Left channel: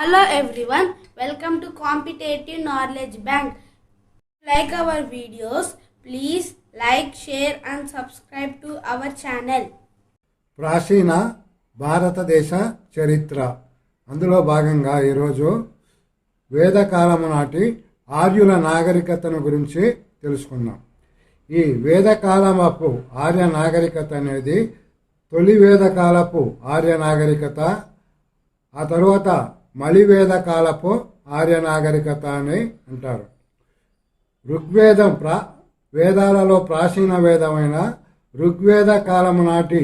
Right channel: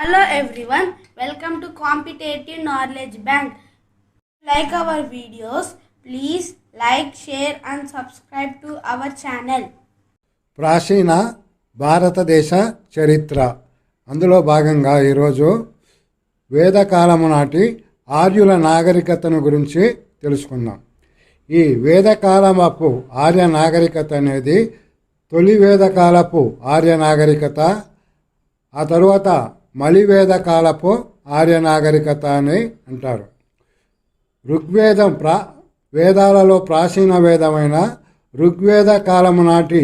Hello everyone, welcome to Competitive Knowledge Bank. Like our videos, please like, share and subscribe to our channel. ప్రాచీన భారతదేశ చరిత్ర అందులో భాగంగా ఈరోజు వేదకాలము నాటి ఆర్యుల నాగరికతను గురించి తెలుసుకుందాం. ఈ వేదకాలపు ఆర్య నాగరికత అనేది తొలి వేదకాలపు ఆర్య నాగరికత, ఆ తరువాత మలివేద కాలపు ఆర్య నాగరికత అని అంటారు. ఋగ్వేదం వేదాలలో ప్రాచీన వేదమైన ఋగ్వేద కాలము నాటి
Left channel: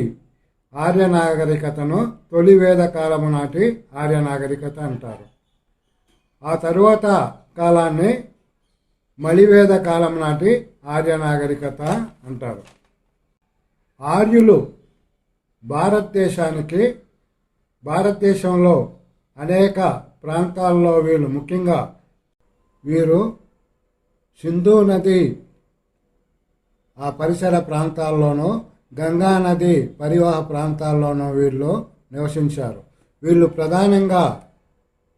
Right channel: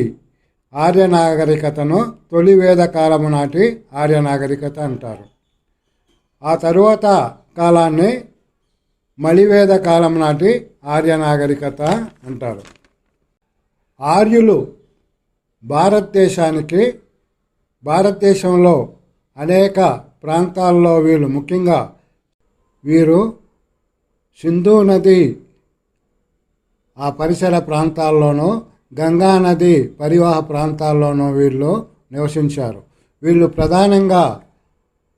ఆర్య నాగరికతను తొలి వేద కాలము నాటి ఆర్య నాగరికత అంటారు. ఆ తరువాత కాలాన్ని మలివేద కాలం నాటి ఆర్య నాగరికత అంటారు. ఆర్యులు భారతదేశంలో అనేక ప్రాంతాల్లో వీరు సింధు నది ఆ పరిసర ప్రాంతాల్లోనూ, గంగా నది పరివాహ ప్రాంతాల్లోనూ వీళ్ళు నివసించారు. వీళ్ళు ప్రధానంగా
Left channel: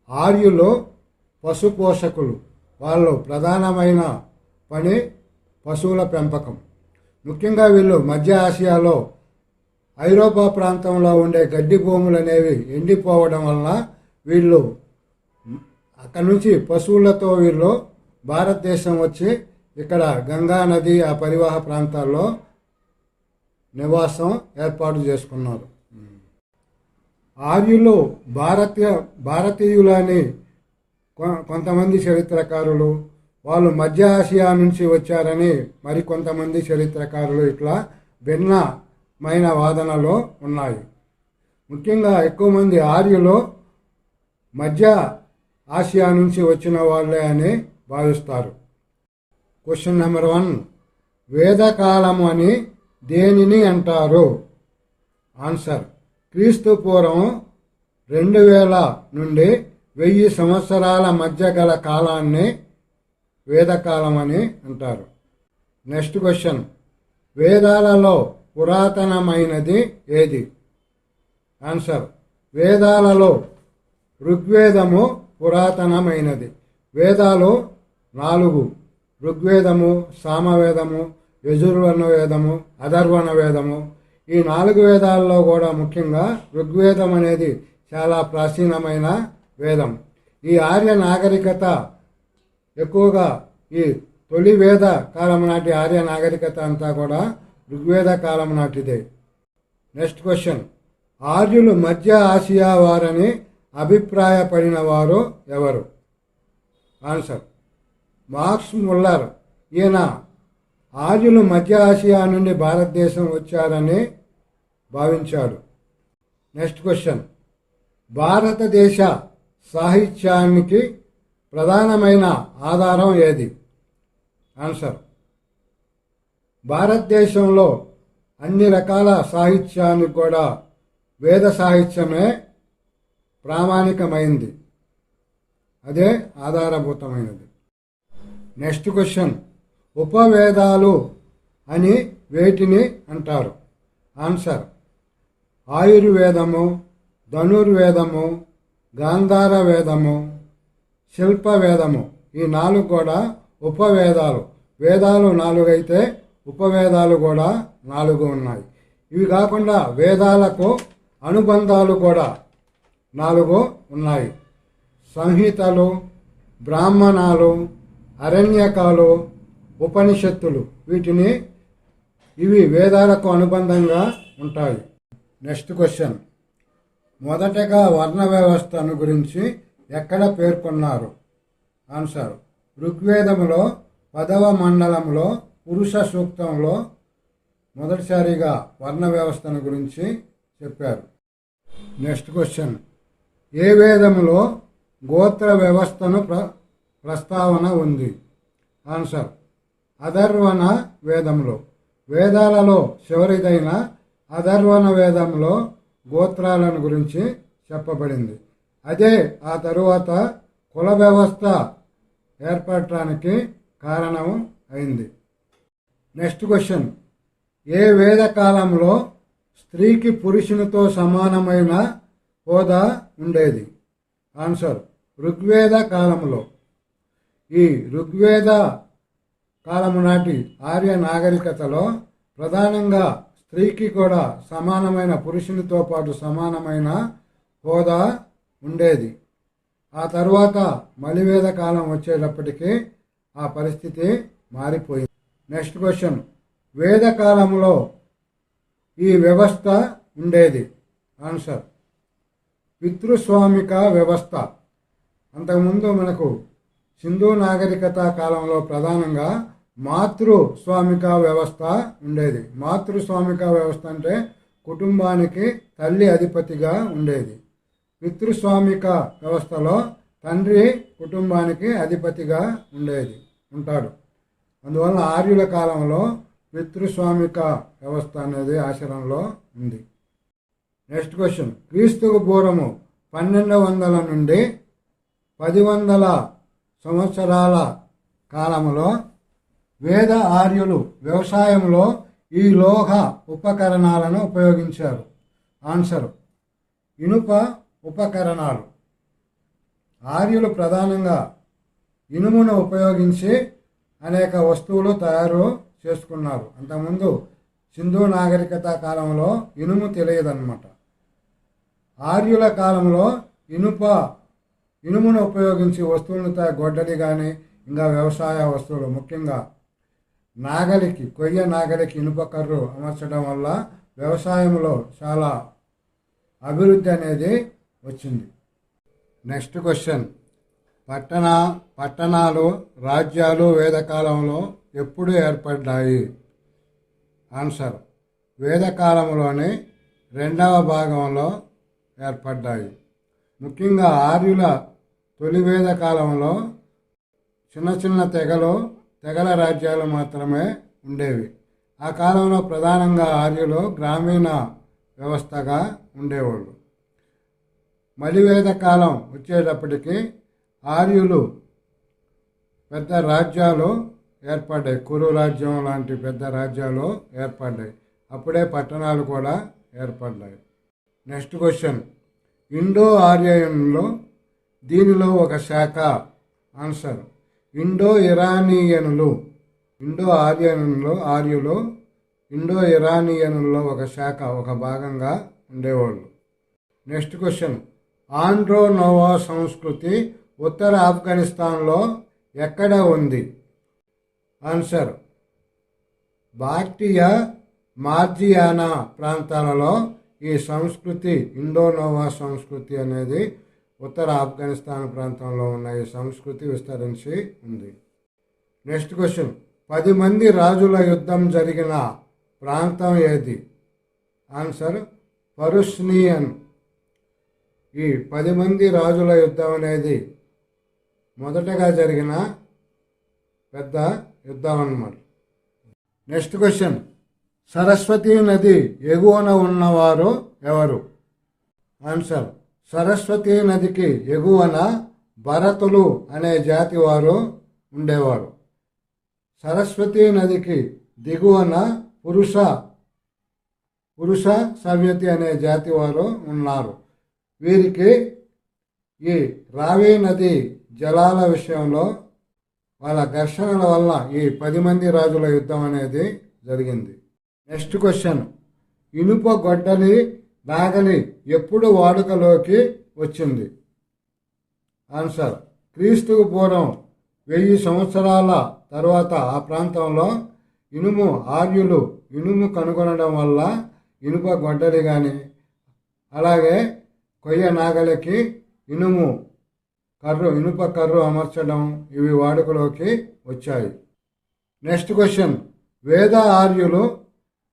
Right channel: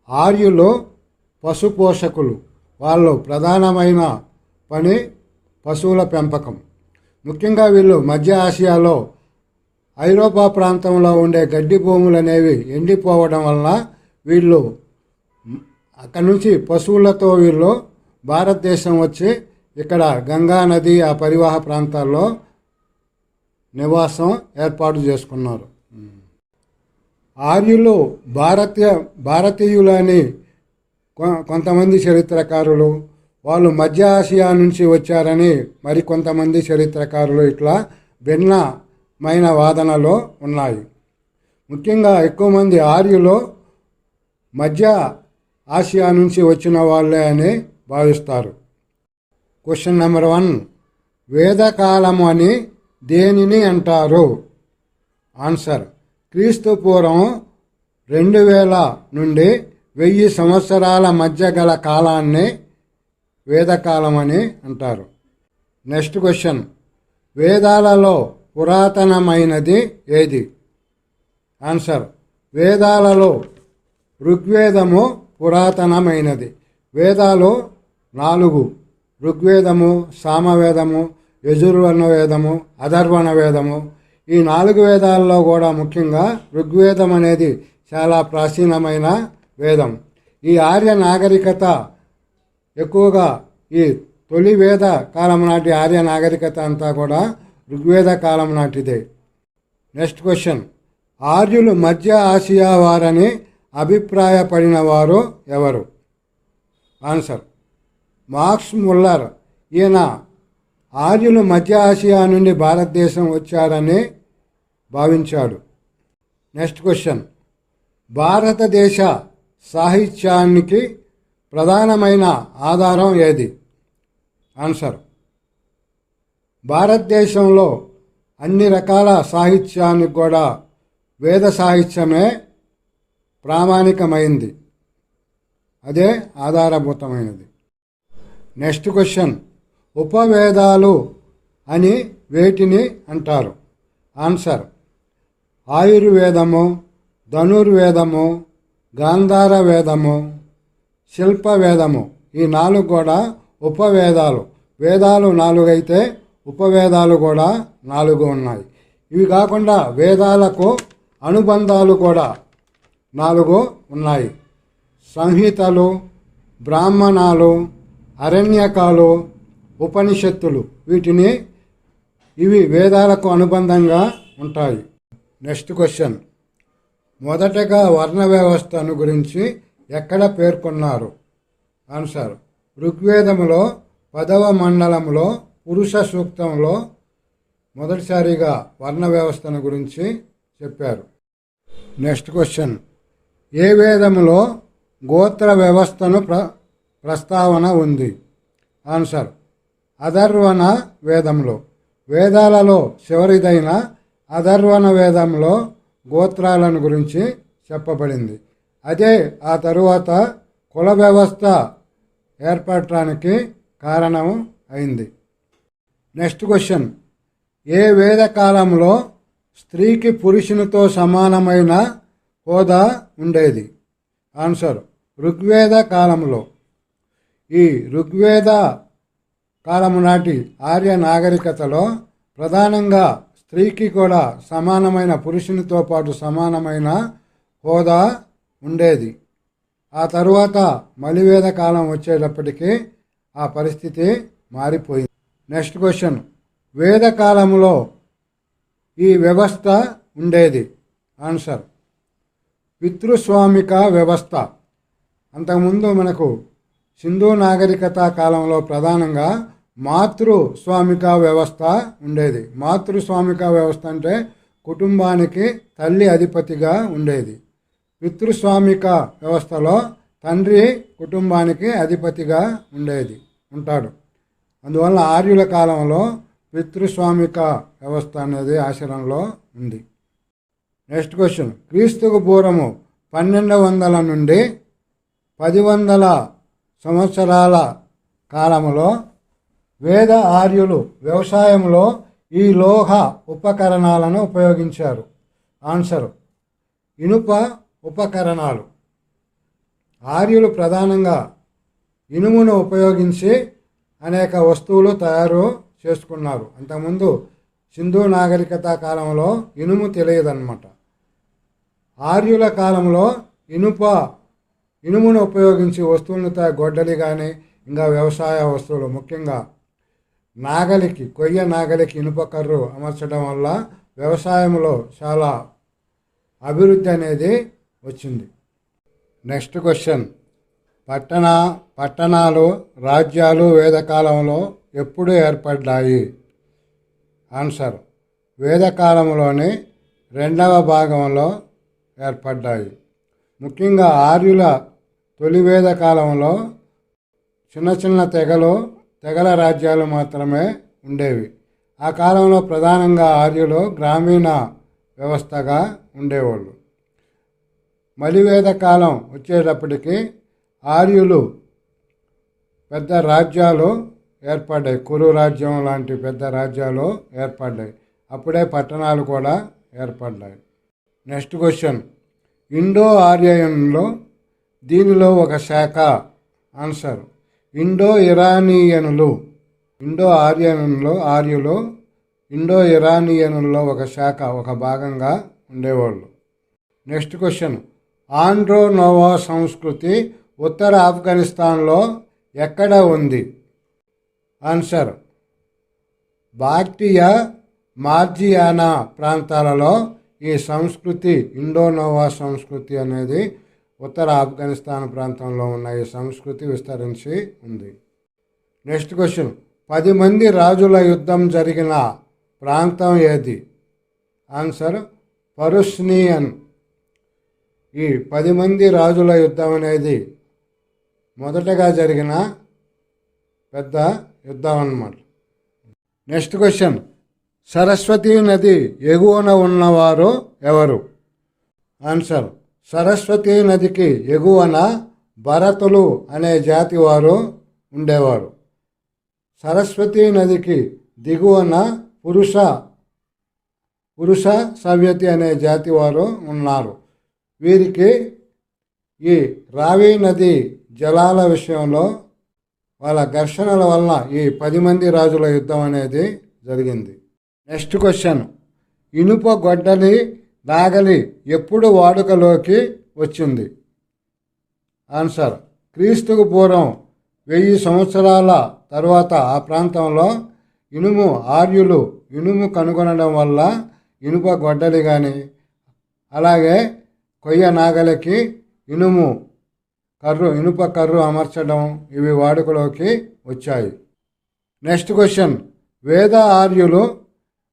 ఆర్యులు పశుపోషకులు. వాళ్ళు ప్రధానమైన పని పశువుల పెంపకం. ముఖ్యంగా వీళ్ళు మధ్య ఆసియాలో ఐరోపా ప్రాంతంలో ఉండే గడ్డి భూములు అనేవి ఎండిపోవడం వలన వీళ్ళు అక్కడి నుంచి పశువులతో వీళ్ళు భారతదేశం వచ్చి ఇక్కడ గంగా నది ఆ పరివాహ ప్రాంతాల్లో నివాసం ఏర్పాటు చేసుకున్నారు. ఆర్యులు భారతీయులని కొంతమంది చరిత్రకారులు, వాళ్ళు మధ్య ఆసియా నుంచి వచ్చారని మరికొంతమంది చరిత్రకారులు, ఇట్లా భిన్నమైన వాదనలు ఉన్నాయి. ముఖ్యంగా ఎక్కువ మంది ఆర్యులు మధ్య ఆసియా నుంచి వచ్చిన వాళ్ళే అని భావిస్తారు. క్వశ్చన్ నెంబర్ 1, వేదకాలము అని దేనిని అంటారు? ఆన్సర్: క్రీస్తు పూర్వం 2000 నుండి 1000 సంవత్సరాల మధ్య గల కాలాన్ని వేదకాలం అని అంటారు. నెక్స్ట్ క్వశ్చన్: వేదాలలో పురాతనమైనది ఏది? ఆన్సర్: వేదాలలో ఋగ్వేదము పురాతనమైనది. వేదాలు 4: ఋగ్వేదము, సామవేదము, యజుర్వర్ణ వేదము, అథర్వణ వేదము. ఈ 4 వేదాల్లో కూడా ముఖ్యంగా ఋగ్వేదం అనేది చాలా ప్రాచీనమైన వేదం. ఈ ఆర్య నాగరికత ఎక్కువగా ఈ తొలి వేద కాలం నాటి ఆర్య నాగరికత అంతా కూడా ఋగ్వేద కాలం నాటిదే. నెక్స్ట్ క్వశ్చన్: ఆర్యులు మధ్య ఆసియా వారని అభిప్రాయపడిన వారు ఎవరు? Answer: Max Muller. ఈయన ఆర్యులు మధ్య ఆసియా నుండి భారతదేశం వచ్చారని భావించాడు. నెక్స్ట్ క్వశ్చన్: భారతదేశ సాహిత్యానికి ప్రధానమైన ఆధారం ఏది? ఆన్సర్: భారతదేశంలో అన్ని రకాల సాహిత్యానికి కూడా వేద సాహిత్యమే ప్రామాణికమైంది, అదే ఆధారభూతమైనది. నెక్స్ట్ క్వశ్చన్: ఉపవేదాలు అని వేటిని అంటారు? ఆన్సర్: ఆయుర్వేదము, ధనుర్వేదము, గాంధార వేదము, శిల్పవేదము. ఈ 4 కూడా ఉపవేదాలు. వేదాలు 4 అయితే ఉపవేదాలు కూడా 4 ఉన్నాయి. ఇవి కాకుండా వేదాలకు అనుబంధాలు కూడా 4 ఉన్నాయి. సంహితలు, బ్రాహ్మణాలు, అరణ్యకాలు, ఉపనిషత్తులు. ఇవి వేదాలకు అనుబంధంగా ఉంటాయి. నెక్స్ట్ క్వశ్చన్: మొదటగా వర్ణ వ్యవస్థను గురించి ఎక్కడ పేర్కొన్నారు? ఆన్సర్: ఋగ్వేదములో 10వ మండలంలో పురుష సూక్తంలో మొదటిసారిగా వర్ణ వ్యవస్థను గురించి చెప్పారు. నెక్స్ట్ క్వశ్చన్: ఏ వేదములో గోత్ర వ్యవస్థను ప్రస్తావన ఉంది? ఆన్సర్: అథర్వణ వేదంలో. వేదాలలో చివరిదైన అథర్వణ వేదంలో గోత్రాలను గురించి చెప్పబడింది. అదే ఆ తరువాత కుల వ్యవస్థ ఏర్పడటానికి కారణం అయింది. నెక్స్ట్ క్వశ్చన్: ఏ వేద కాలంలో స్త్రీకి పురుషునితో సమానమైన హోదా ఉండేది? ఆన్సర్ ఋగ్వేద కాలంలో. ఈ ఋగ్వేద కాలము నాటి ఆర్య నాగరికతలో ప్రధానంగా స్త్రీకి కూడా సమానమైన, పురుషునితో పాటు సమానమైన హోదా ఉండేది. ఆ తరువాత మలివేద కాలం వచ్చేటప్పటికి ఆ పరిస్థితి మారిపోయింది. నెక్స్ట్ క్వశ్చన్, వేద కాలంలో ఈ వ్యవస్థ ఉండేది. ఆన్సర్ పితృస్వామిక వ్యవస్థ. అంతకుముందు మనకు సింధు నాగరికత కాలంలో ప్రధానంగా మాతృస్వామిక వ్యవస్థ ఉండేది. మాతృస్వామిక వ్యవస్థ అంటే కుటుంబానికి తల్లి అధిపతిగా ఉండేది. పితృస్వామిక వ్యవస్థలో తండ్రి కుటుంబానికి అధిపతిగా ఉంటాడు. అందువల్ల ఆర్యుల కాలంలో పితృస్వామిక వ్యవస్థ అనేది ఆచరణలో ఉంది. నెక్స్ట్ క్వశ్చన్, క్రీస్తుకు పూర్వము 1200 నుండి 1000 సంవత్సరాల కాలంలో వేద ఆర్యులు వ్యవసాయంలో ఈ లోహ ఉపకరణాలను ఉపయోగించారు. ఆన్సర్ ఇనుప ఉపకరణాలు. ఆర్యులు ప్రధానంగా ఇనుమును ఉపయోగించి అనేక వస్తువులు తయారు చేసుకున్నారు. అంతకుముందు సింధు నాగరికత కాలంలో ఇనుము తెలియదన్నమాట. ఆర్యుల కాలంలో ఇనుమును ఉపయోగించి వస్తువులను గొడ్డలి కానీ ఇంకా వ్యవసాయ వస్తువులు, ముఖ్యంగా కొయ్య నాగలికి ఇనుప కర్రు అమర్చడం వల్ల వ్యవసాయంలో చాలా అభివృద్ధి అనేది వచ్చింది. నెక్స్ట్ క్వశ్చన్, పట్టణాలు రాజ్యాలు వేదకాలంలో ఎప్పుడు ఏర్పడ్డాయి? ఆన్సర్ వేదకాలంలోని 2వ భాగంలో ఏర్పడ్డాయి. ముఖ్యంగా ఆర్యుల తొలి వేద కాలంలో చిన్న చిన్న తెగల రాజ్యాలు మాత్రమే ఉండేవి. ఆ కాలంలో ప్రధానంగా ఆర్యులు గ్రామీణ వ్యవస్థగా ఉండేవాళ్ళు. మలివేద కాలం వచ్చేటప్పటికి ఆర్యులు పెద్ద రాజ్యాలు ఏర్పడ్డాయి. కురు రాజ్యం లాంటి పెద్ద రాజ్యాలు ఏర్పడ్డాయి. అప్పుడే పట్టణాలు కూడా ఏర్పడ్డాయి. నెక్స్ట్ క్వశ్చన్, ఇండో ఆర్యన్లో దీనిలో ఒక శాఖ. ఆన్సర్ ఇండో ఇరానియనులు. ఇండో ఇరానియనుల్లో ఒక శాఖ, ఒక భాగంగా ఉండేవాళ్ళు. నెక్స్ట్ క్వశ్చన్, ఆండ్రో నోవా సంస్కృతి ఉత్తర ఆఫ్ఘనిస్తాన్లో ఎక్కడ ఉంది? ఆన్సర్ బాక్టియా మార్జియానా ప్రాంతాలలో ఈ సంస్కృతి, ఇండోనోవా సంస్కృతి అనేది ఉత్తర ఆఫ్ఘనిస్తాన్ ప్రాంతంలో ఉన్న ఈ సంస్కృతి విస్తరించి ఉంది. నెక్స్ట్ క్వశ్చన్, 10 మంది రాజుల యుద్ధం జరిగిన ప్రాంతం ఏది? ఆన్సర్ పరుష్నియన్. ఈ 10 మంది రాజుల యుద్ధం అనేది మొదటగా జరిగిన పెద్ద యుద్ధం అన్నమాట. నెక్స్ట్ క్వశ్చన్, సరస్వతీ నది ఎగువన ఉన్నవారు ఎవరు? ఆన్సర్ సరస్వతీ నదికి ఎగువన భరతులు అనే జాతి వారు ఉండేవారు. సరస్వతీ నదికి దిగువన పురుష సవ్యతి అనే జాతి వారు ఉన్నారు. వీరికి ఈ రావి నది జలాల విషయంలో వాళ్ళ ఘర్షణల వల్ల ఈ 10 మంది రాజుల యుద్ధం అనేది జరిగింది. నెక్స్ట్ క్వశ్చన్, ఇనుప గొడ్డలి నాగలి ఎప్పుడు వాడుకలోకి వచ్చింది? ఆన్సర్ క్రీస్తుకు పూర్వం 1000 సంవత్సరాల తర్వాత ఆ ప్రాంతంలో ఆర్యులు ఇనుము కనుగొనడం వల్ల ఇనుప గొడ్డలి కానీ, అలాగే కొయ్య నాగలికి ఇనుప కర్రు అమర్చడం, ఇవి వాడుకలోకి వచ్చాయి. నెక్స్ట్ క్వశ్చన్, వేద ఆర్యులు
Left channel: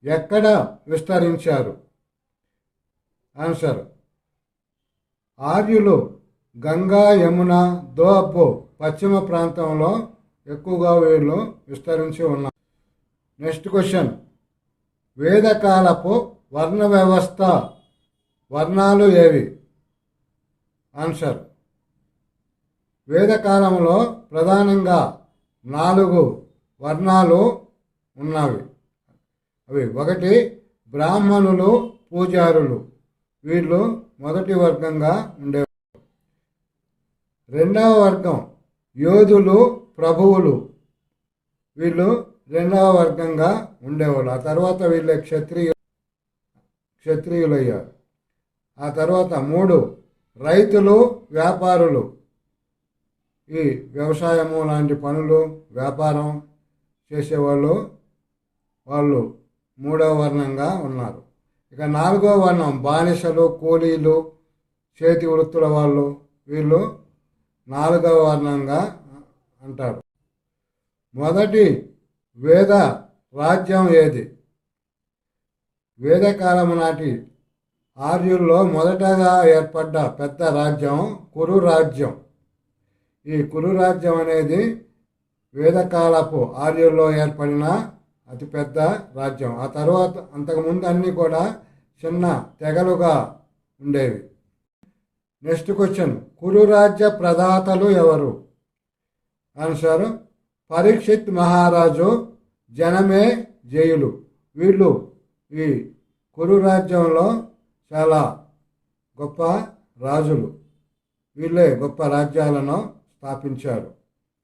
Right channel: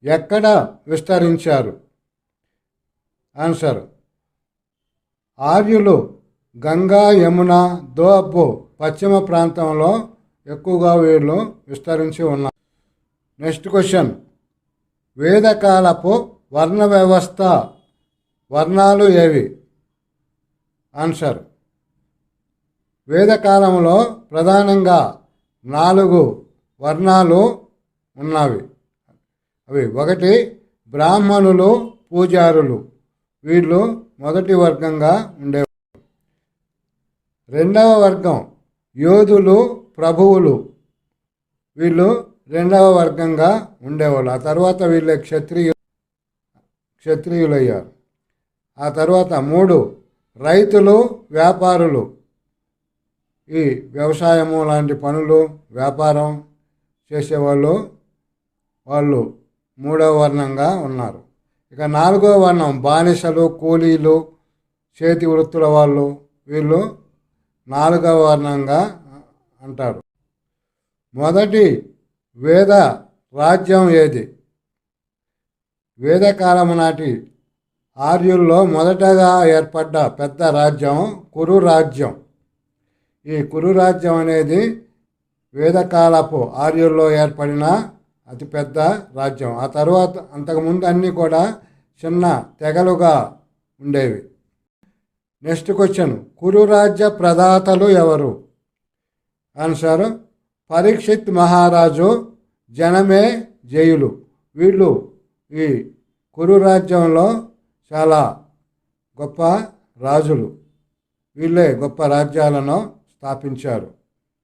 ఎక్కడ విస్తరించారు? ఆన్సర్ ఆర్యులు గంగా, యమున, దోబ్ పశ్చిమ ప్రాంతంలో ఎక్కువగా వీళ్ళు విస్తరించి ఉన్నారు. నెక్స్ట్ క్వశ్చన్, వేదకాలపు వర్ణ వ్యవస్థ వర్ణాలు ఏవి? ఆన్సర్ వేదకాలంలో ప్రధానంగా 4 వర్ణాలు ఉన్నవి. అవి 1 బ్రాహ్మణులు, పూజారులు. వీళ్ళు మొదటి వర్గంగా ఉండేవారు. రెండవ వర్గం యోధులు, ప్రభువులు. వీళ్ళు రెండవ వర్గంగా ఉండేవాళ్ళు. ఆ తర్వాత వీళ్ళే క్షత్రియులయ్యారు. ఆ తర్వాత 3 రైతులు, వ్యాపారులు. ఈ వ్యవసాయము లాంటి పనులు, వ్యాపారం చేసేవాళ్ళు, వాళ్ళు 3వ వర్ణంగా ఉన్నారు. ఇక 4వ వర్ణం బానిసలు, కూలీలు, చేతి వృత్తుల వాళ్ళు. వీళ్ళు 4వ వర్ణంగా అంటారు. మొదటి వేద రాజ్యం ఏది? వేదకాలం నాటి ఆర్యుల్లో మొదటగా ఏర్పడ్డ పెద్ద రాజ్యం కురు రాజ్యం. ఈ కురు రాజ్యం అనేది వేదకాలపు ఆర్యుల్లో ఏర్పడిన అతిపెద్ద రాజ్యం. ఆ తర్వాత అంతకుముందు అన్నీ కూడా చిన్న తెగలుగా ఉండేవి. నెక్స్ట్ క్వశ్చన్, కురు రాజ్య ప్రదాతలు ఎవరు? ఆన్సర్ పరీక్షిత్ మహారాజు, జనమే జయులు. వీళ్ళు ఈ కురు రాజ్యంలో చాలా గొప్ప రాజులు. వీళ్ళే గొప్ప రాజ్యాలను స్థాపించారు.